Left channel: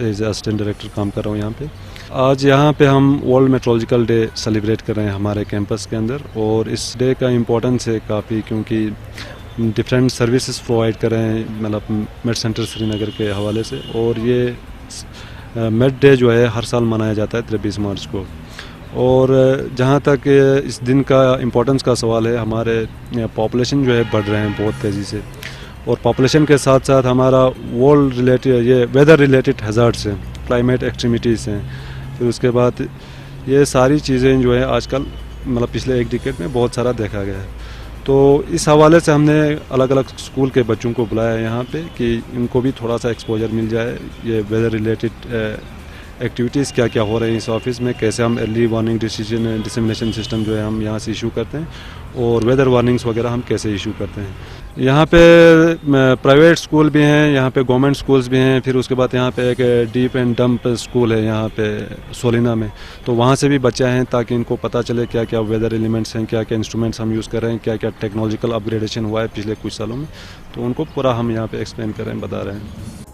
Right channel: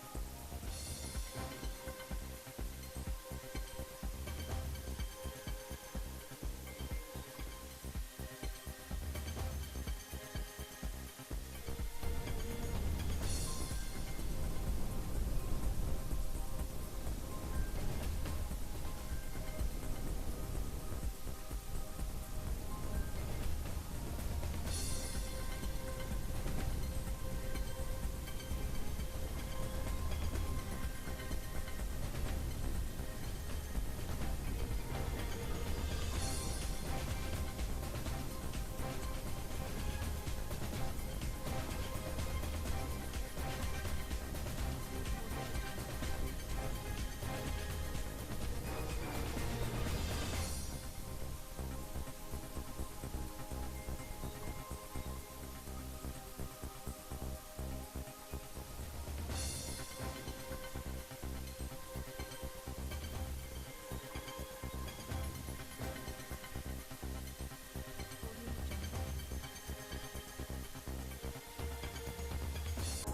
As assistant director काम कर रहा हूँ यहाँ पे। आज यहाँ पे हम वर्ल्ड मेट्रोलॉजिकल डे सेलिब्रेट कर रहे हैं हमारे कैंपस के अंदर, और इस डे का इम्पोर्टेंस है काफ़ी, क्योंकि डिफरेंट सर्विसेज प्रोवाइड कर रहे हैं मतलब मेड सेंटर श्रीनगर के हवाले से। और ये मेड डे जो है हर साल मनाया जाता है 23 मार्च को। और जहाँ तक इस दिन का इम्पोर्टेंस का सवाल है, हमारे पॉपुलेशन जो है बढ़ रहे हैं बहुत तेज़ी से, और पॉपुलेशन के साथ साथ हमारा वर्ल्ड रिलेटेड ये वेदर रिलेटेड हैज़ार्ड्स हैं, क्लाइमेट एक्सट्रीमिटीज़ हैं, फिर उसके बाद ये सारी चीज़ें जो है आजकल मतलब पिछले एक डिकेड में बहुत सारा देखा गया है। तो इस हवाले से हमने अलग अलग स्कूल के बच्चों को बुलाया यहाँ पे कि इनको भी थोड़ा सा एक्सपोजर मिल जाए, ये वेदर रिलेटेड एक्टिविटीज़ क्या क्या हो रही हैं इस ऑफिस में, कैसे हम अर्ली वार्निंग डिसमिनेशन सिस्टम जो है हम यहाँ से इशू करते हैं, और वेदर वार्निंग्स वगैरह हम कैसे इशू करते हैं। यहाँ पे प्राइवेट स्कूल भी हैं, यहाँ पे गवर्नमेंट स्कूल्स भी हैं, फिर उसके बाद यहाँ पे एक डीप एंड डंप स्कूल है यहाँ पे सोलिना में, तो वहाँ से भी बच्चे हैं ताकि इनको पता चले क्या क्या वेदर एलिमेंट्स हैं, क्या क्या इंस्ट्रूमेंट्स हम यूज़ कर रहे हैं, क्या क्या टेक्नोलॉजिकल अपग्रेडेशन हुआ है पिछले कुछ सालों में, तो उनको पूरा हम यहाँ पे एक्सप्लेन कर रहे हैं, बता रहे हैं।